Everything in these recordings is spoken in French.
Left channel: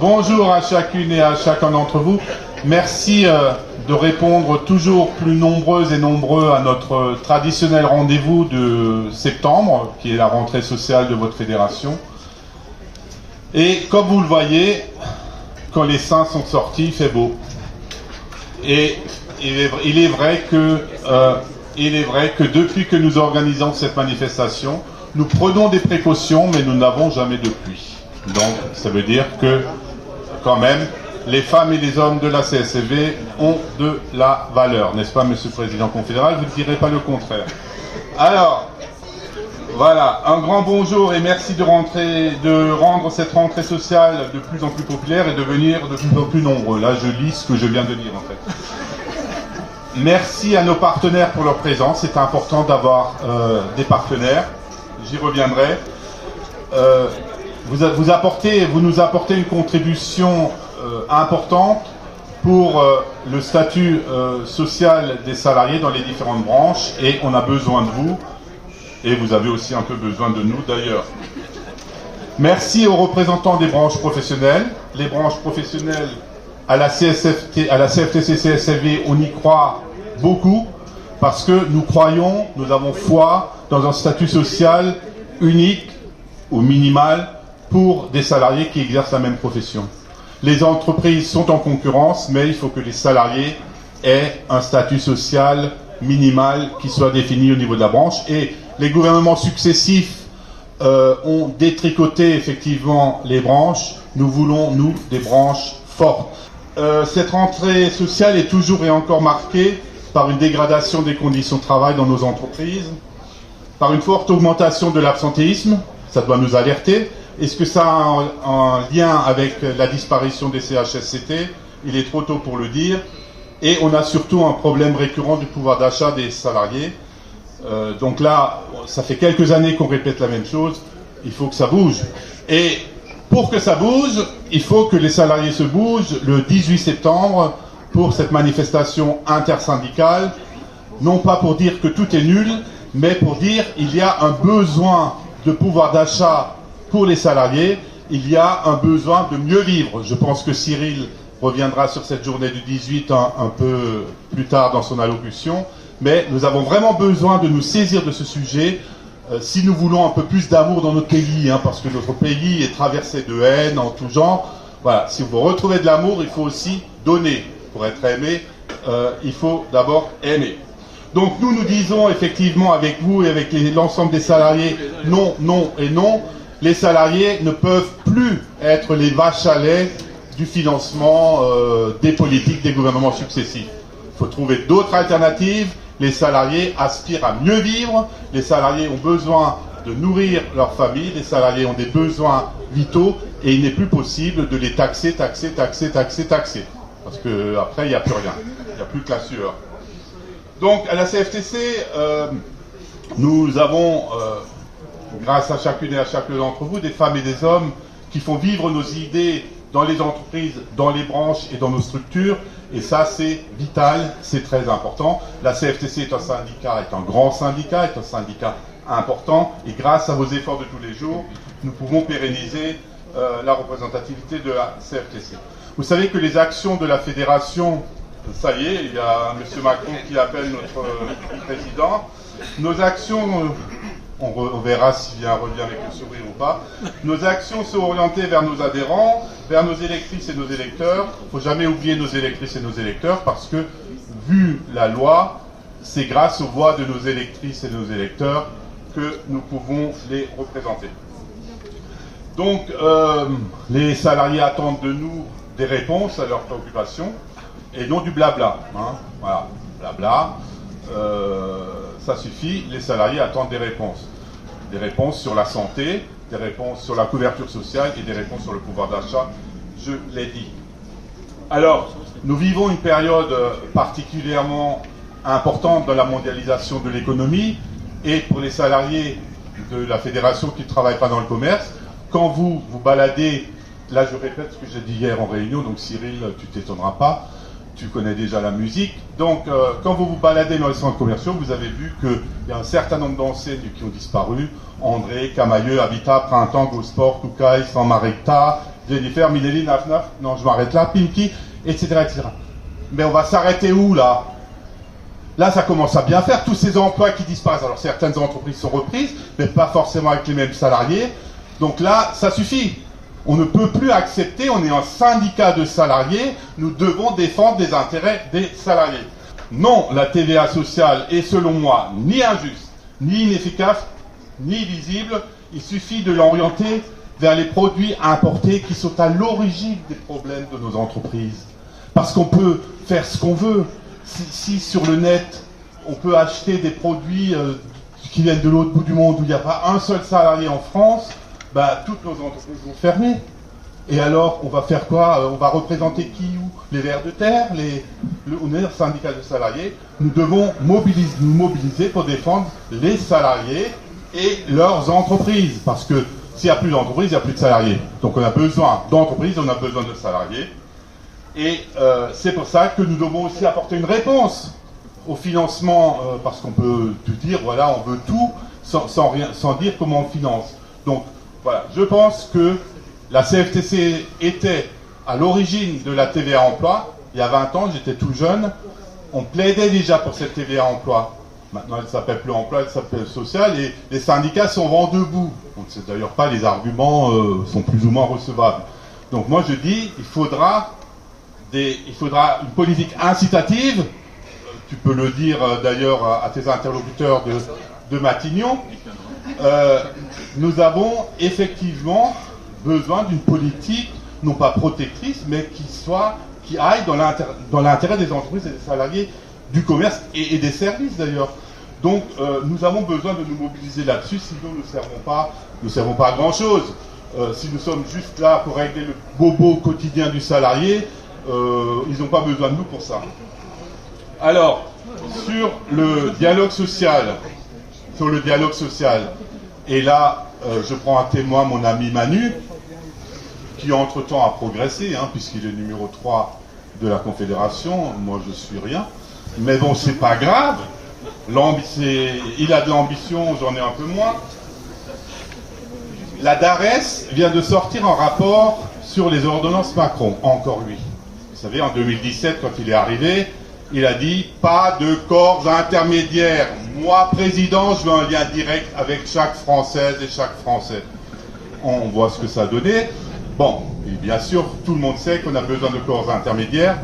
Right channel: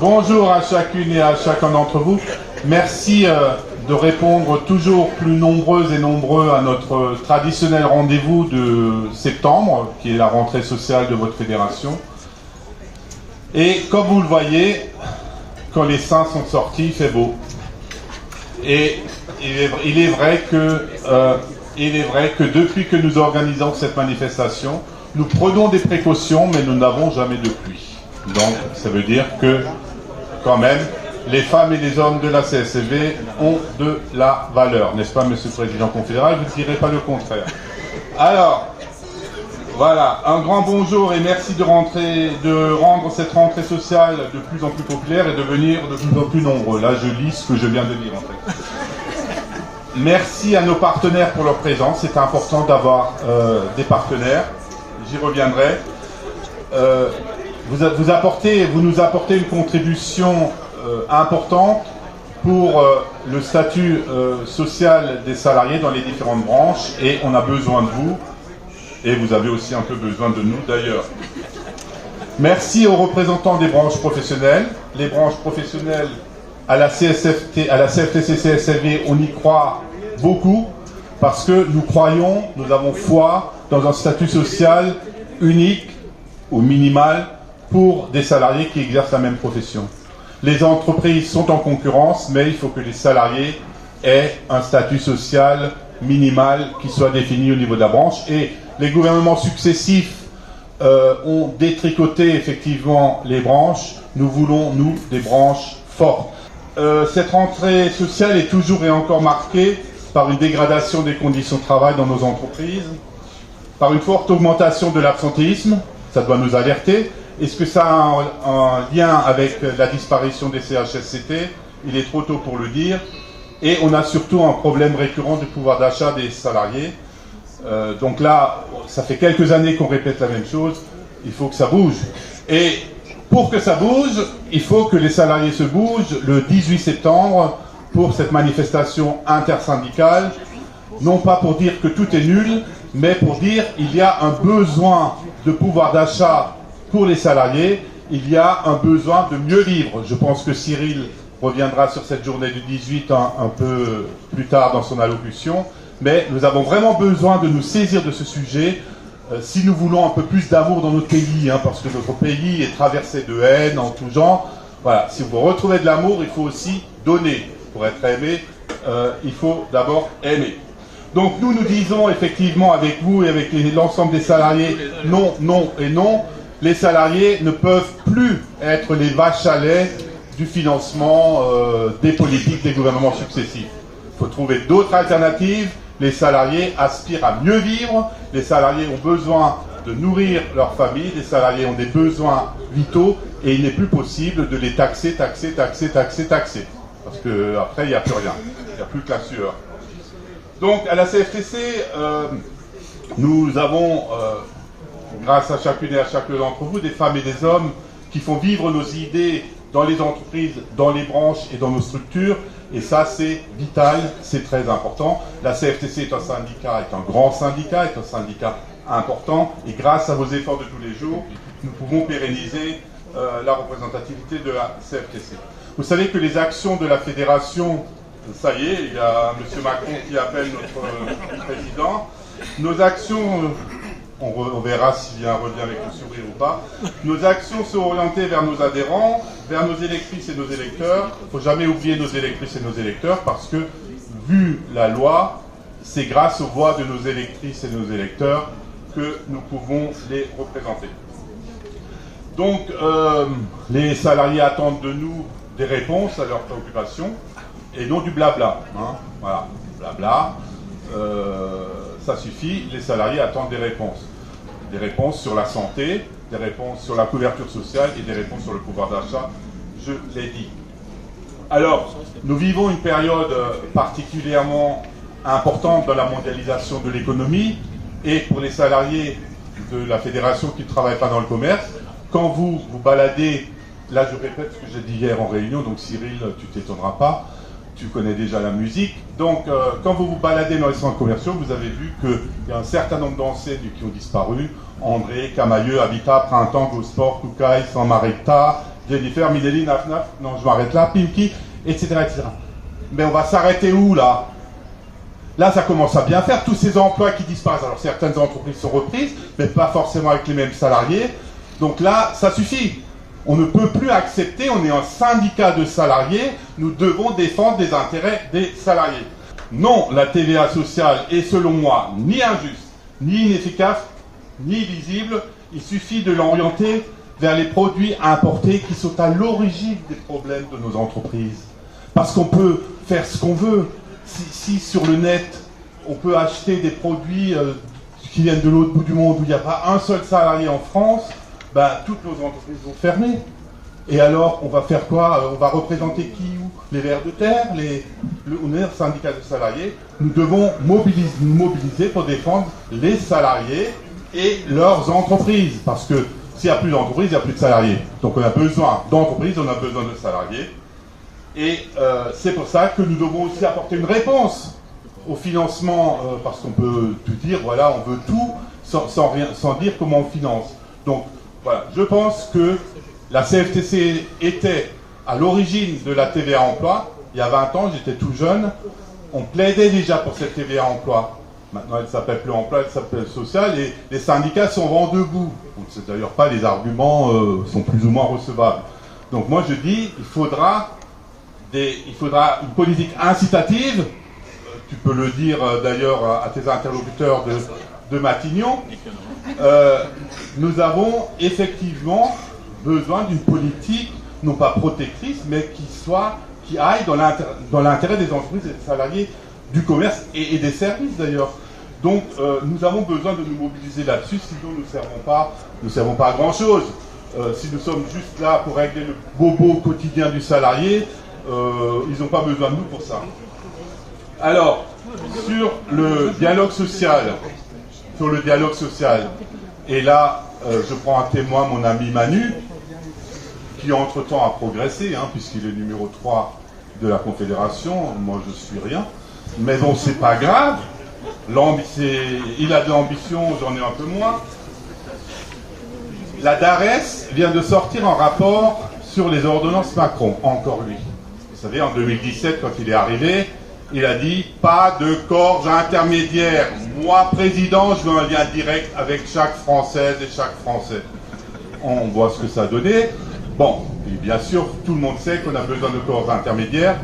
Bonjour à chacune et à chacun d'entre vous. Merci de répondre toujours plus nombreuses et nombreux à notre traditionnel rendez-vous de septembre, qui est la rentrée sociale de votre fédération. Et comme vous le voyez, quand les saints sont sortis, il fait beau. Et il est vrai que depuis que nous organisons cette manifestation, nous prenons des précautions, mais nous n'avons jamais de pluie. Donc, ça veut dire que, quand même, les femmes et les hommes de la CSLV ont de la valeur, n'est-ce pas, Monsieur le Président confédéral? Vous ne direz pas le contraire. Alors, voilà, un grand bonjour et merci de rendre cette rentrée sociale de plus en plus populaire et de venir de plus en plus nombreux. Là, je lis ce que je viens de dire, en fait. Merci à nos partenaires pour leur présence. C'est important d'avoir des partenaires. J'y reviendrai. Vous nous apportez une contribution importante pour le statut social des salariés dans les différentes branches et on a besoin de vous et vous avez aussi un peu besoin de nous d'ailleurs. Merci aux représentants des branches professionnelles. Les branches professionnelles à la CFTC-CSLV, on y croit beaucoup parce que nous croyons, nous avons foi dans un statut social unique ou minimal pour des salariés qui exercent la même profession. Les entreprises sont en concurrence, mais il faut que les salariés aient un statut social minimal qui soit défini au niveau de la branche. Et les gouvernements successifs ont détricoté effectivement les branches. Nous voulons, nous, des branches fortes. Cette rentrée sociale est toujours et encore marquée par une dégradation des conditions de travail dans nos entreprises, par une forte augmentation de l'absentéisme. Ça doit nous alerter. Est-ce que ça a un lien avec la disparition des CHSCT? Il est trop tôt pour le dire. Et on a surtout un problème récurrent du pouvoir d'achat des salariés. Donc là, ça fait quelques années qu'on répète la même chose. Il faut que ça bouge. Et pour que ça bouge, il faut que les salariés se bougent le 18 septembre pour cette manifestation intersyndicale. Non pas pour dire que tout est nul, mais pour dire qu'il y a un besoin de pouvoir d'achat pour les salariés, il y a un besoin de mieux vivre. Je pense que Cyril reviendra sur cette journée du 18 un peu plus tard dans son allocution, mais nous avons vraiment besoin de nous saisir de ce sujet si nous voulons un peu plus d'amour dans notre pays, parce que notre pays est traversé de haine en tout genre. Voilà, si vous retrouvez de l'amour, il faut aussi donner. Pour être aimé, il faut d'abord aimer. Donc nous disons effectivement avec vous et avec l'ensemble des salariés, non, non et non. Les salariés ne peuvent plus être les vaches à lait du financement des politiques des gouvernements successifs. Il faut trouver d'autres alternatives. Les salariés aspirent à mieux vivre. Les salariés ont besoin de nourrir leur famille. Les salariés ont des besoins vitaux et il n'est plus possible de les taxer. Parce qu'après, il n'y a plus rien. Il n'y a plus que la sueur. Donc, à la CFTC, nous avons... grâce à chacune et à chacun d'entre vous, des femmes et des hommes qui font vivre nos idées dans les entreprises, dans les branches et dans nos structures. Et ça, c'est vital, c'est très important. La CFTC est un syndicat, est un grand syndicat, est un syndicat important. Et grâce à vos efforts de tous les jours, nous pouvons pérenniser la représentativité de la CFTC. Vous savez que les actions de la fédération, ça y est, il y a M. Macron qui appelle notre président. Nos actions... On verra s'il y a un revient avec le sourire ou pas. Nos actions sont orientées vers nos adhérents, vers nos électrices et nos électeurs. Il ne faut jamais oublier nos électrices et nos électeurs parce que, vu la loi, c'est grâce aux voix de nos électrices et nos électeurs que nous pouvons les représenter. Donc, les salariés attendent de nous des réponses à leurs préoccupations et non du blabla. Voilà, blabla. Ça suffit, les salariés attendent des réponses. Des réponses sur la santé, des réponses sur la couverture sociale et des réponses sur le pouvoir d'achat, je l'ai dit. Alors, nous vivons une période particulièrement importante dans la mondialisation de l'économie et pour les salariés de la fédération qui ne travaillent pas dans le commerce, quand vous vous baladez, là je répète ce que j'ai dit hier en réunion, donc Cyril, tu t'étonneras pas, tu connais déjà la musique. Donc, quand vous vous baladez dans les centres commerciaux, vous avez vu qu'il y a un certain nombre d'enseignes qui ont disparu. André, Camailleux, Habitat, Printemps, Go Sport, Koukaï, San Marita, Jennifer, Minelli, Naf, non, je m'arrête là, Pinky, etc., etc. Mais on va s'arrêter où, là? Là, ça commence à bien faire, tous ces emplois qui disparaissent. Alors, certaines entreprises sont reprises, mais pas forcément avec les mêmes salariés. Donc là, ça suffit. On ne peut plus accepter, on est un syndicat de salariés, nous devons défendre les intérêts des salariés. Non, la TVA sociale est, selon moi, ni injuste, ni inefficace, ni visible. Il suffit de l'orienter vers les produits importés qui sont à l'origine des problèmes de nos entreprises. Parce qu'on peut faire ce qu'on veut. Si sur le net, on peut acheter des produits qui viennent de l'autre bout du monde où il n'y a pas un seul salarié en France, ben, toutes nos entreprises vont fermer. Et alors, on va faire quoi? On va représenter qui ou les vers de terre, on est un syndicat de salariés. Nous devons nous mobiliser pour défendre les salariés et leurs entreprises. Parce que s'il n'y a plus d'entreprises, il n'y a plus de salariés. Donc on a besoin d'entreprises, on a besoin de salariés. Et c'est pour ça que nous devons aussi apporter une réponse au financement, parce qu'on peut tout dire, voilà, on veut tout, sans dire comment on finance. Donc voilà, je pense que la CFTC était à l'origine de la TVA emploi. Il y a 20 ans, j'étais tout jeune, on plaidait déjà pour cette TVA emploi. Maintenant, elle ne s'appelle plus emploi, elle s'appelle social, et les syndicats sont vent debout. Donc, c'est d'ailleurs pas, les arguments sont plus ou moins recevables. Donc moi je dis, il faudra une politique incitative. Tu peux le dire d'ailleurs à tes interlocuteurs de Matignon. Nous avons effectivement besoin d'une politique, non pas protectrice, mais qui aille dans l'intérêt des entreprises et des salariés du commerce et des services d'ailleurs. Donc nous avons besoin de nous mobiliser là-dessus, sinon nous ne servons pas à grand-chose. Si nous sommes juste là pour régler le bobo quotidien du salarié, ils n'ont pas besoin de nous pour ça. Alors, sur le dialogue social, et là, je prends à témoin mon ami Manu, qui entre-temps a progressé, puisqu'il est numéro 3 de la Confédération, moi je suis rien. Mais bon, c'est pas grave, il a de l'ambition, j'en ai un peu moins. La DARES vient de sortir un rapport sur les ordonnances Macron, encore lui. Vous savez, en 2017, quand il est arrivé, il a dit « pas de corps intermédiaires. Moi, président, je veux un lien direct avec chaque Française et chaque Français. » On voit ce que ça a donné. Bon, et bien sûr, tout le monde sait qu'on a besoin de corps intermédiaires.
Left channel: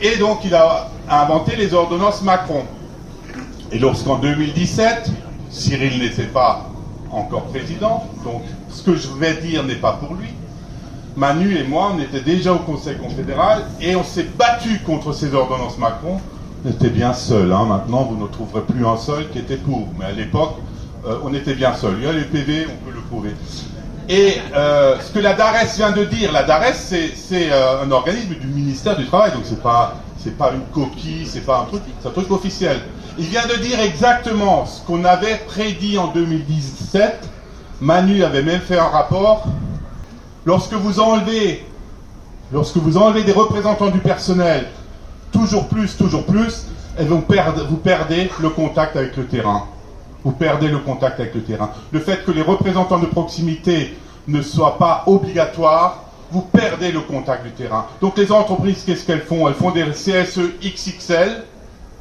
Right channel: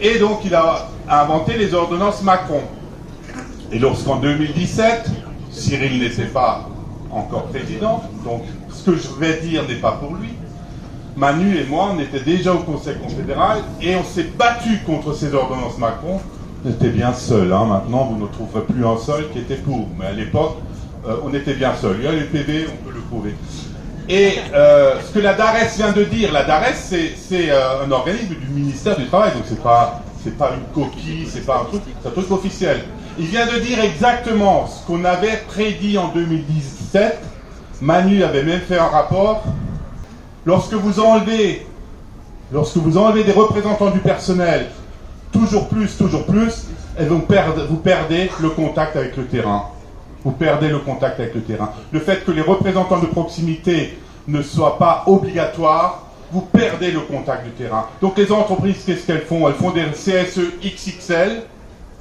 Et donc, il a inventé les ordonnances Macron. Et lorsqu'en 2017, Cyril n'était pas encore président, donc ce que je vais dire n'est pas pour lui, Manu et moi, on était déjà au Conseil confédéral et on s'est battu contre ces ordonnances Macron. On était bien seuls. Maintenant, vous ne trouverez plus un seul qui était pour. Mais à l'époque, on était bien seuls. Il y a les PV, on peut le prouver. Et ce que la DARES vient de dire, la DARES, c'est un organisme du ministère du Travail. Donc, c'est pas une coquille, c'est pas un truc, c'est un truc officiel. Il vient de dire exactement ce qu'on avait prédit en 2017. Manu avait même fait un rapport. Lorsque vous enlevez des représentants du personnel, toujours plus, et vous perdez le contact avec le terrain. Vous perdez le contact avec le terrain. Le fait que les représentants de proximité ne soient pas obligatoires, vous perdez le contact du terrain. Donc les entreprises, qu'est-ce qu'elles font? Elles font des CSE XXL,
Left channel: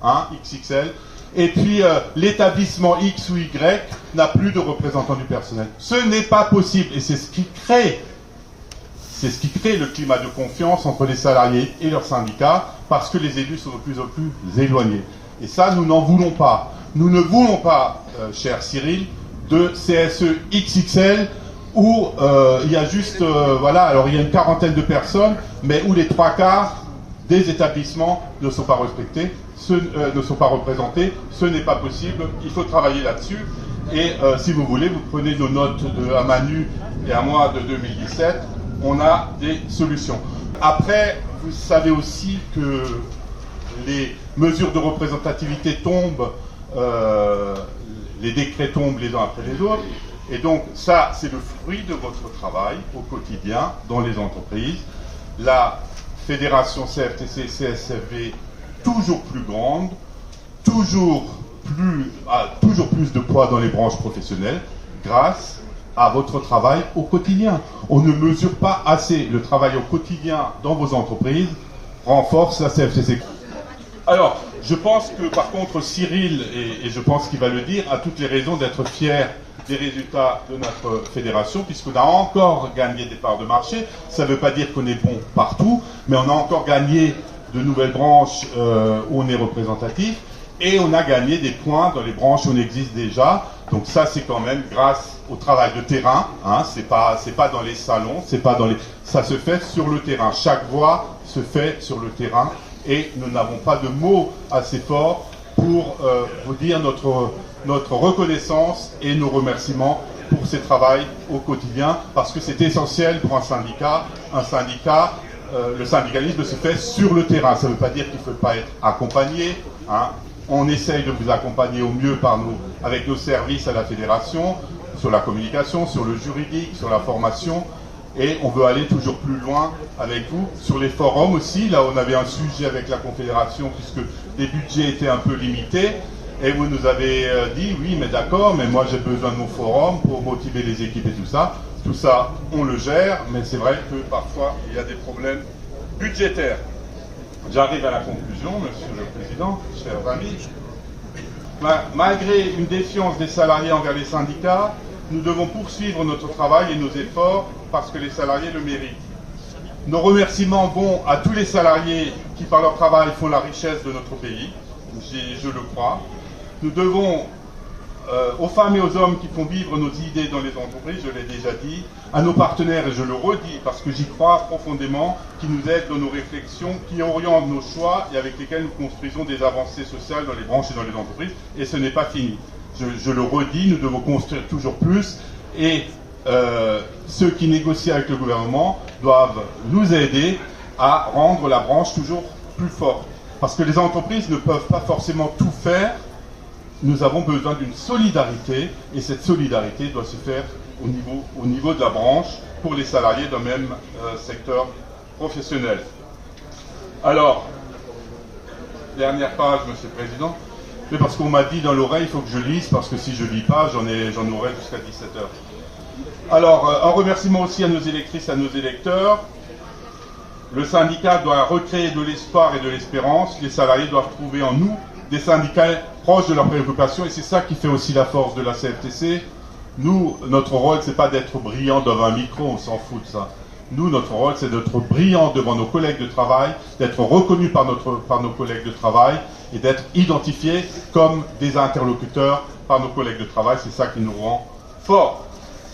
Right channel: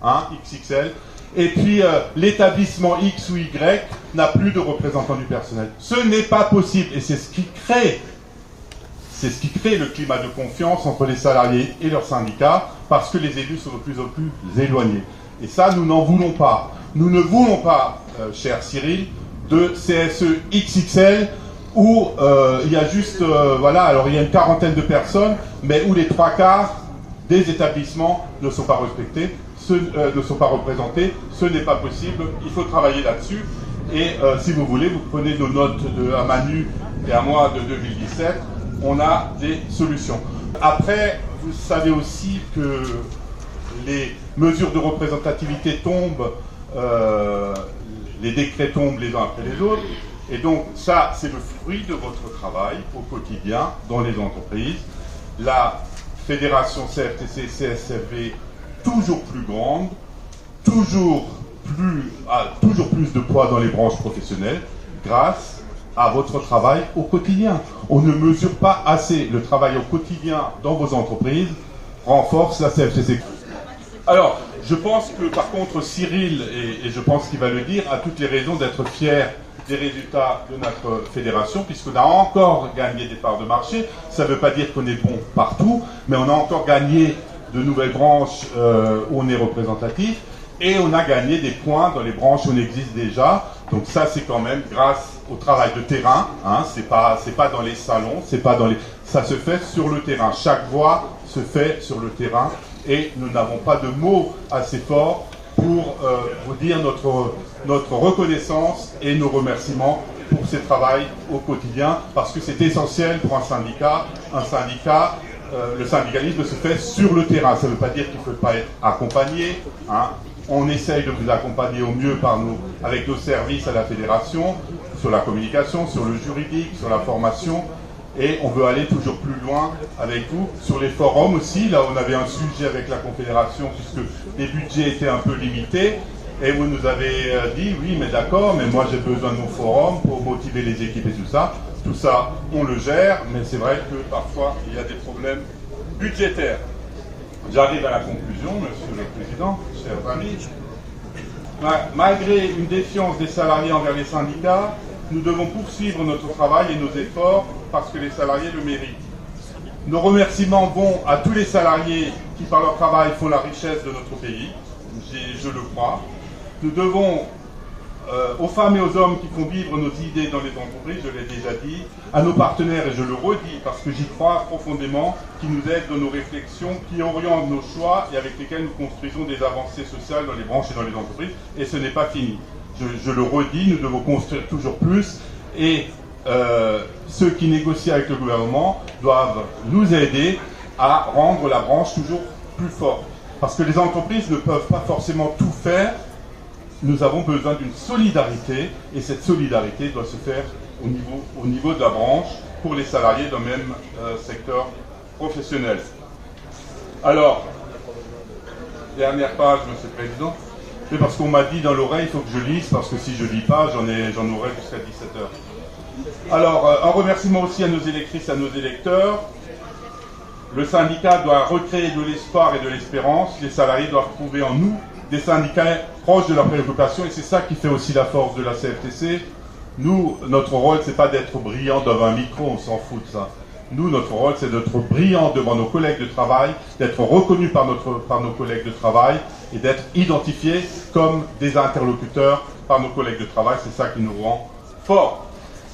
XXL, et puis l'établissement X ou Y n'a plus de représentants du personnel. Ce n'est pas possible, et c'est ce qui crée le climat de confiance entre les salariés et leurs syndicats, parce que les élus sont de plus en plus éloignés. Et ça, nous n'en voulons pas. Nous ne voulons pas, cher Cyril, de CSE XXL, où il y a juste, alors il y a une quarantaine de personnes, mais où les 3/4 des établissements ne sont pas respectés, ne sont pas représentés. Ce n'est pas possible, il faut travailler là-dessus. Et si vous voulez, vous prenez nos notes à Manu et à moi de 2017, on a des solutions. Après, vous savez aussi que les mesures de représentativité tombent, les décrets tombent les uns après les autres, et donc ça, c'est le fruit de votre travail au quotidien dans les entreprises. La fédération CFTC-CSFV, toujours plus grande, toujours plus de poids dans les branches professionnelles, grâce à votre travail au quotidien. On ne mesure pas assez le travail au quotidien dans vos entreprises, renforce la CFTC. Alors, je pense que par contre Cyril, et je pense qu'il va le dire, a toutes les raisons d'être fier des résultats de notre fédération, puisqu'on a encore gagné des parts de marché. Ça ne veut pas dire qu'on est bon partout, mais on a encore gagné de nouvelles branches où on est représentatif, et on a gagné des points dans les branches où on existe déjà. Donc ça, c'est quand même grâce au travail de terrain. Hein, c'est pas dans les salons, c'est pas dans les. Ça se fait sur le terrain. Chaque voix se fait sur le terrain, et nous n'avons pas de mots assez forts pour vous dire notre reconnaissance et nos remerciements pour ce travail au quotidien, parce que c'est essentiel pour un syndicat. Le syndicalisme se fait sur le terrain. Ça ne veut pas dire qu'il ne faut pas être accompagné. Hein. On essaye de vous accompagner au mieux avec nos services à la fédération, sur la communication, sur le juridique, sur la formation. Et on veut aller toujours plus loin avec vous. Sur les forums aussi, là on avait un sujet avec la Confédération, puisque les budgets étaient un peu limités. Et vous nous avez dit, oui, mais d'accord, mais moi j'ai besoin de mon forum pour motiver les équipes et tout ça. Tout ça, on le gère, mais c'est vrai que parfois il y a des problèmes budgétaires. J'arrive à la conclusion, Monsieur le Président, chers amis. Malgré une défiance des salariés envers les syndicats, nous devons poursuivre notre travail et nos efforts parce que les salariés le méritent. Nos remerciements vont à tous les salariés qui, par leur travail, font la richesse de notre pays. Je le crois. Nous devons aux femmes et aux hommes qui font vivre nos idées dans les entreprises, je l'ai déjà dit, à nos partenaires, et je le redis parce que j'y crois profondément, qui nous aident dans nos réflexions, qui orientent nos choix et avec lesquels nous construisons des avancées sociales dans les branches et dans les entreprises. Et ce n'est pas fini. Je le redis, nous devons construire toujours plus, et ceux qui négocient avec le gouvernement doivent nous aider à rendre la branche toujours plus forte. Parce que les entreprises ne peuvent pas forcément tout faire. Nous avons besoin d'une solidarité, et cette solidarité doit se faire au niveau de la branche pour les salariés d'un même secteur professionnel. Alors, dernière page, Monsieur le Président. C'est parce qu'on m'a dit dans l'oreille, il faut que je lise, parce que si je ne lis pas, j'en aurai jusqu'à 17h. Alors, un remerciement aussi à nos électrices, à nos électeurs. Le syndicat doit recréer de l'espoir et de l'espérance. Les salariés doivent trouver en nous des syndicats proches de leurs préoccupations, et c'est ça qui fait aussi la force de la CFTC. Nous, notre rôle, c'est pas d'être brillant devant un micro, on s'en fout de ça. Nous, notre rôle, c'est d'être brillant devant nos collègues de travail, d'être reconnus par nos collègues de travail, et d'être identifiés comme des interlocuteurs par nos collègues de travail. C'est ça qui nous rend forts.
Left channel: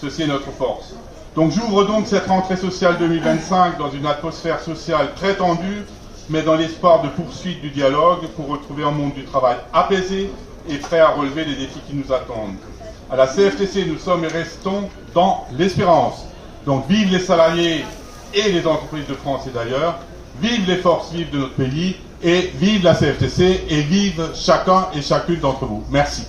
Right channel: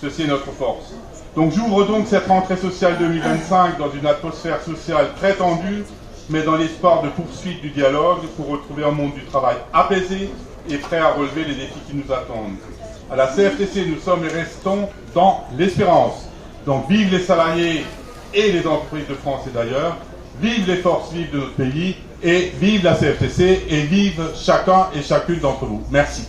Ceci est notre force. Donc j'ouvre donc cette rentrée sociale 2025 dans une atmosphère sociale très tendue, mais dans l'espoir de poursuite du dialogue pour retrouver un monde du travail apaisé et prêt à relever les défis qui nous attendent. À la CFTC, nous sommes et restons dans l'espérance. Donc vive les salariés et les entreprises de France et d'ailleurs, vive les forces vives de notre pays, et vive la CFTC, et vive chacun et chacune d'entre vous. Merci.